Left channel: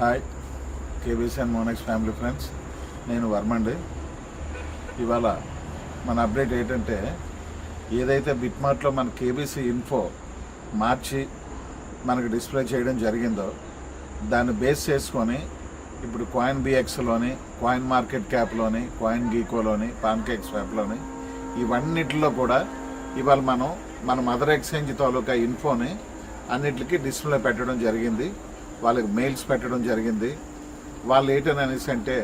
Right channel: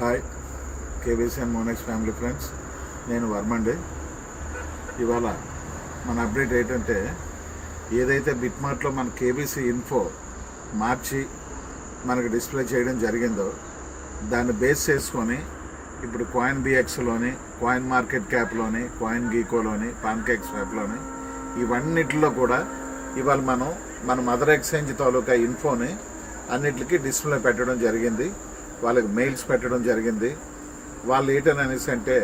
Hi KBC and Monex family friends, నేను వర్మండి. ఇవాళ మన అప్డేట్ ఏంటంటే, ఏదైతే బిట్మార్ట్లో మన కేబీసీ ఇన్ఫో మార్చి మనకు డిస్ప్లే చేయడం జరిగిందో దాన్ని బేస్ చేసుకొని ఇప్పుడు కాయిన్ బిఎక్స్లోని, కాయిన్ మార్కెట్ క్యాప్లోని, కాయిన్ గీకోలోని, పాన్కేక్స్ యాప్లోని ఇవన్నిటిలో కూడా ఇవాళ మన మదర్ ఎక్స్చేంజ్ తాలూకా ఇన్ఫోని అన్నిటికీ డిస్ప్లే పెట్టడం జరిగింది. వాళ్ళకి మెయిల్స్ పెట్టడం జరిగింది. వాళ్ళు ఏంటనేసి అంటే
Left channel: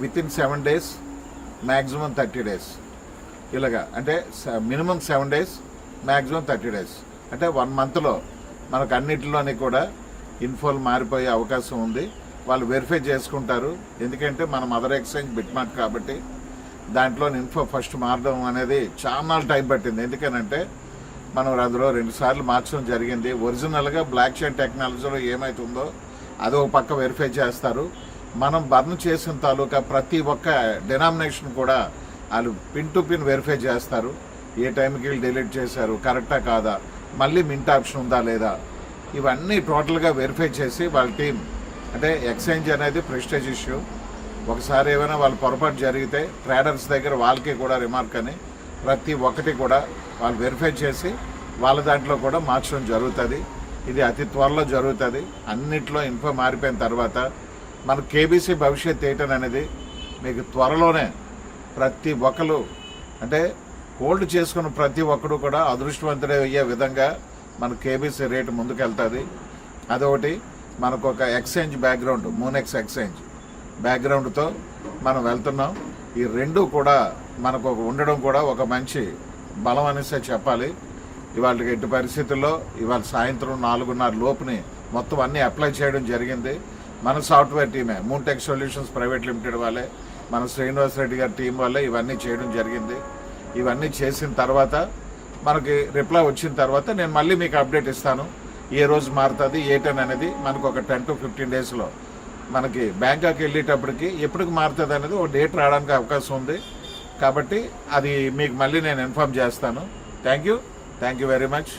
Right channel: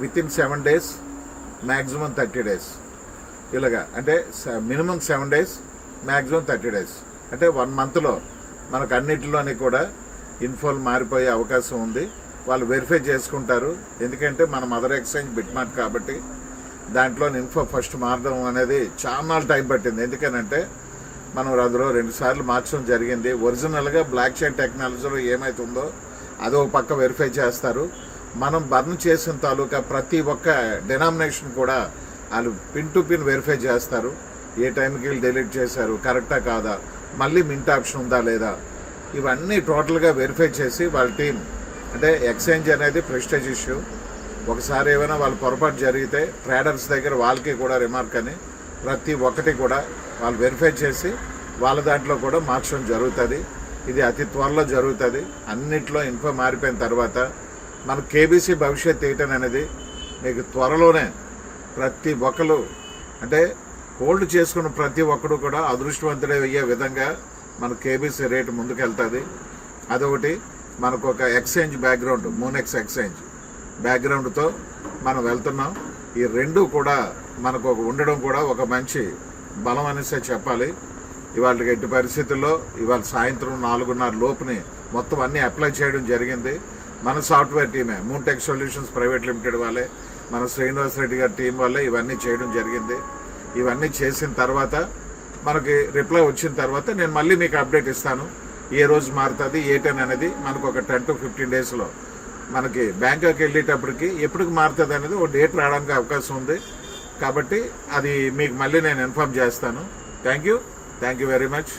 వితిన్ 7 days, మ్యాక్సిమం 30 days, ఇలాగా అంటే మినిమం 7 days, మ్యాక్సిమం 30 days, అంటే 1 monthలో మనకు అన్నిటిలోని కూడా ఇన్ఫోలు మారిపోయే అవకాశం ఉంది. వాళ్ళు వెరిఫై చేసుకుంటారు. ఎందుకంటే మన మదర్ ఎక్స్చేంజ్ బిట్మార్ట్ కాబట్టి దాంట్లో ఇన్ఫో ఫస్ట్ మారడం అనేది చాలా టైం పట్టింది. ఎందుకనంటే మనం అందులో 2 సార్లు మార్చడం జరిగింది. ఒరిజినల్గా బ్లాక్ చైన్ టెక్నాలజీలో ఏమైతుందో అదో పక్క వెరిఫై చేస్తారు. మనం బర్న్ చేసిన తాలూకా ప్రతి ఒక్క డినామినేషన్ కూడా వాళ్ళు పిన్ టు పిన్ వెరిఫై చేస్తారు. ఏ టైంకి వీళ్ళు డిలీట్ చేశారు, కరెక్టా కాదా, మళ్ళీ మింట్ ఆప్షన్ ఉందా లేదా, ఇవన్నీ టోటల్గా వెరిఫై చేసి వాళ్ళ టీం, అంటే ఎక్స్చేంజ్ అనేది ప్రెస్టేజ్ ఇష్యూ. ఒకసారి ఏమైనా వాళ్ళ పొరపాటు జరిగితే ట్రేడర్స్ దగ్గర వాళ్ళకి కూడా రిమార్క్ అని ప్రతి ఒక్కటి కూడా వాళ్ళు వెరిఫై చేసి వాళ్ళ దాంట్లో కూడా మార్చడం జరుగుతుంది. ఇది అతి త్వరలో జరుగుతుంది. అన్నిట్లో ఇన్ఫో మారిపోయిన తర్వాత మన కేబీసీ భవిష్యత్ ఏంటనేది మీకు త్వరలోనే ప్రతి ఒక్కరు, అంటే హోల్డ్ చేసుకున్న ప్రతి ఒక్కరు కూడా అదృష్టవంతుడే అయ్యే విధంగా మన కేబీసీ రేటు ముందుకెళ్తుంది. అదొకటి. మనకు ఒక ఎక్స్చేంజ్ బ్యాక్గ్రౌండ్, మోనెక్స్ ఎక్స్చేంజ్ బ్యాక్గ్రౌండ్తో మనం వెళ్తున్నాం. ఈ రెండు కూడా మనకు ఉండడం కూడా ఒక మంచి బలం అనేసే చెప్పాలి. ఇవాళ ఎట్టి పరిస్థితుల్లో ఇవాళ సాయంత్రం 4:30 లోపుని మొత్తం అన్నీ అప్లై చేయడం జరిగింది. మన సాఫ్ట్వేర్ టీమే, మూన్టెక్ సొల్యూషన్స్ ప్రైవేట్ లిమిటెడ్ వాళ్ళే, మన శ్రీనివాస్ రెడ్డి గారి టీం వల్లే ఇవన్నీ చేయడం జరిగింది. ఇవన్నీ చేసిన తర్వాత మనకి రిప్లై వచ్చిన తర్వాత నేను మళ్ళీ మీకు అప్డేట్ ఇస్తాను. ఏ రోజు మారుతుంది ఏంటని అనేది మనకు ఒక 10 to 15 daysలో మనకి బ్యాంకాక్ వెళ్ళేటప్పటికి ఎప్పటికి మారుతుంది అనేది ఒక డేట్ రావడానికి అవకాశం ఉంది. కాబట్టి అది మీకు మళ్ళీ నేను ఇన్ఫార్మ్ చేస్తాను. Thank you very much.